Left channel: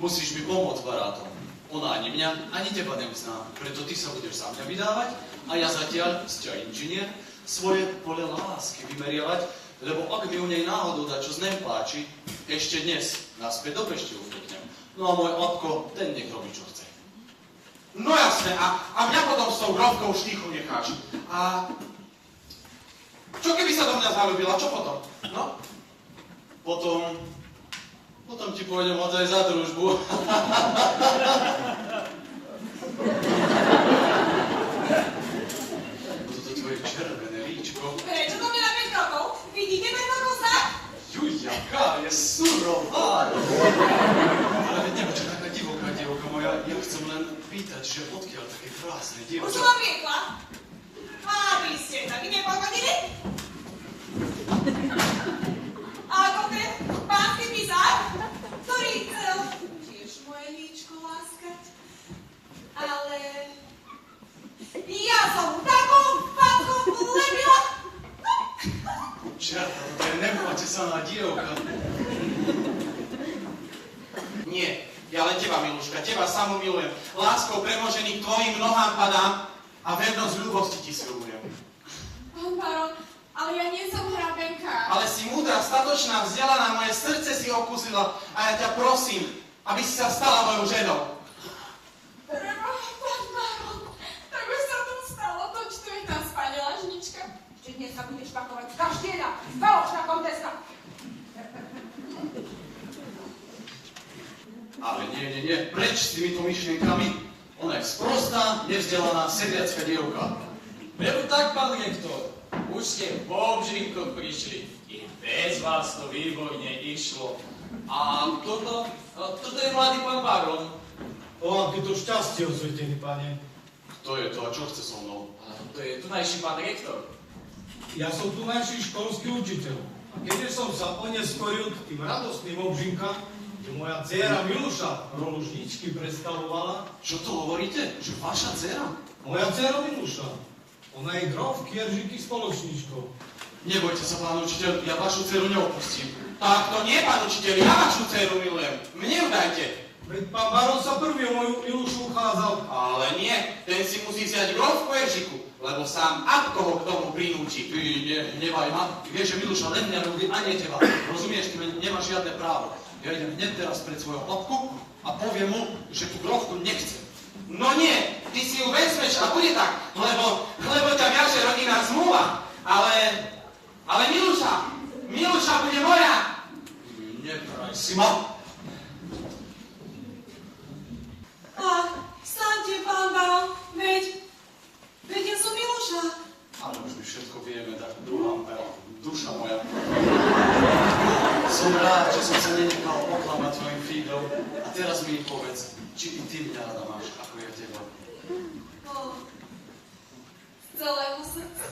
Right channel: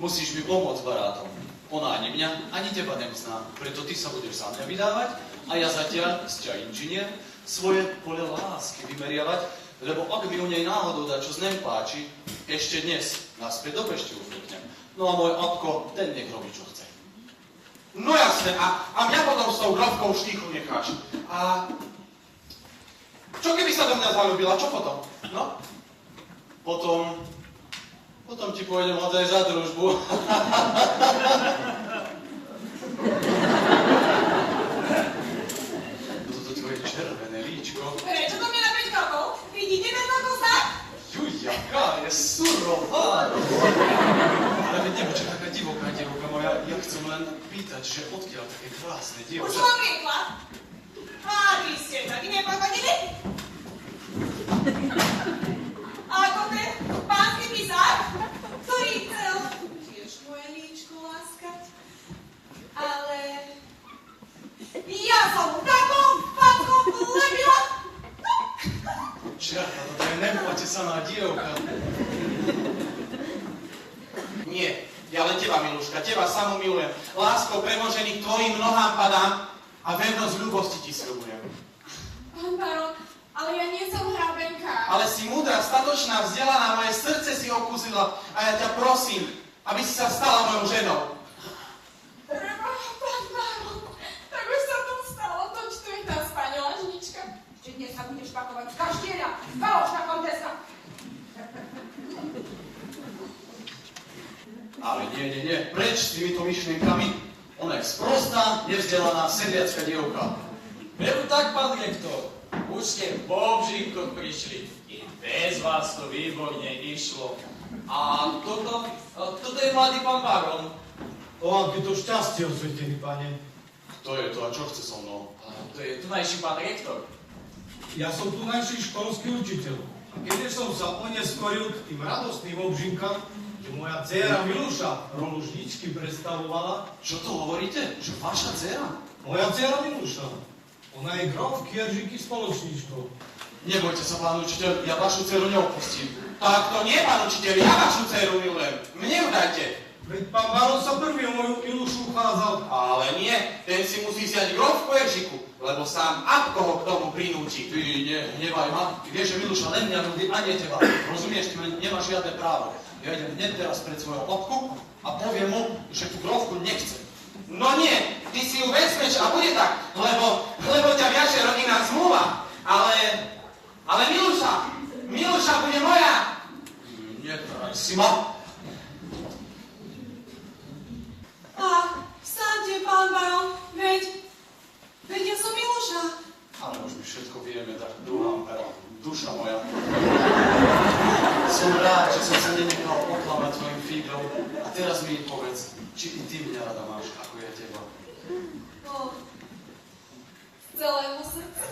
Musíš mi pomôcť, barátom. Ona ani mňa, ani teba nezná. Preto ty sa budeš za mňa vydávať a ja zatiaľ, sťa inžinier, svoje pole lásky vymeriavať, lebo ak mi u nej náhodou dačo z nem páči, ešte dnes naspäť do Pešte uzvyknem. No a môj otko, ten nech robí, čo chce. No jasne, a mňa potom s tou grovkou štíchu necháš. A čo keby sa do mňa zalúbila, čo potom? No? Potom ti pôjdem hodaj za družbu. Toto tvoje červené líčko. Prečo to mňa na 5 krokov? Vidíte ten kokosák? Juj, jaká je surová. Ale dievča, taká divoká dievka moja, ja chcem len pýtať, že odkiaľ také krásne Už dievča. som riekla. A vy ste taký nepohodlný. A konkrét, pánsky pisár, ktorý chcel tiež moje líčko láskať. Ale ja som takou fatkou lebila. Čerta, toto je nepotesaná dievka. Nie, ja len teba, Miluška, teba samú milujem. Láskou premožený tvojim nohám padám a vernosť ľúbosti ti sľubujem. Pán baron, ale ja nie som hrabenka. Ale si múdra, statočná, vzdelaná, moje srdce si okúsila a ja ťa prosím, aby si sa stala mojou ženou. Prebo, pán baron, tak už sa to stalo, to čo je tá spaňolažnička. Ešte dnes sa budeš pakovať z kaštieľa, falošná konteska. Ale nie, preč s týmito myšlienkami. Ona je sprostá, nevzdelaná, sedliacká dievka. Veru tak, pán rektor. Už ste po obžívkoch prišli. I bez vás to výborne išlo. A toto je mladý pán baron. O, aké to šťastie, osvetený pane. Kto je to a čo chce so mnou? A to je tunajší pán rektor. Ja som tu najší školský učiteľ. A keď som sa oneskoril k tým radostným obžinkám, že moja dcéra Miluša rolu žničky predstavovala. Čo to hovoríte? Že vaša dcera? Moja dcéra Miluša. Ona je grof Kieržíky spoločničkou. Nebojte sa, pán učiteľ, ja vašu dceru neopustím. Tak to nie, pán učiteľ, ja vašu dceru milujem. Mne ju dajte. Veď pán baron sa prvý o moju Milušu uchádzal. Ale nie, ten si musí vziať grof Kieržiku, lebo sám Abko ho k tomu prinúti. Ty nehnevaj ma. Ty vieš, že Miluša len mňa ľúbi a nie teba. Rozumieš, ty nemáš žiadne právo. Ja idem hneď teraz pred svojho otku a poviem mu, že tú grovku nechcem. No nie, ty si ju vezmeš a bude tak, lebo ťa viaže rodinná zmluva. Ale Miluša bude moja. Nekraj si ma. Ach, vstaňte, pán baron, veď ja som Miluša. Ale už my všetko vieme, tak druhá pera, duša moja. Som rád, že som sa nenechal oklamať tvojim fígom. A teraz mi povedz, či i ty mňa rada máš, ako ja teba. Z celého srdca.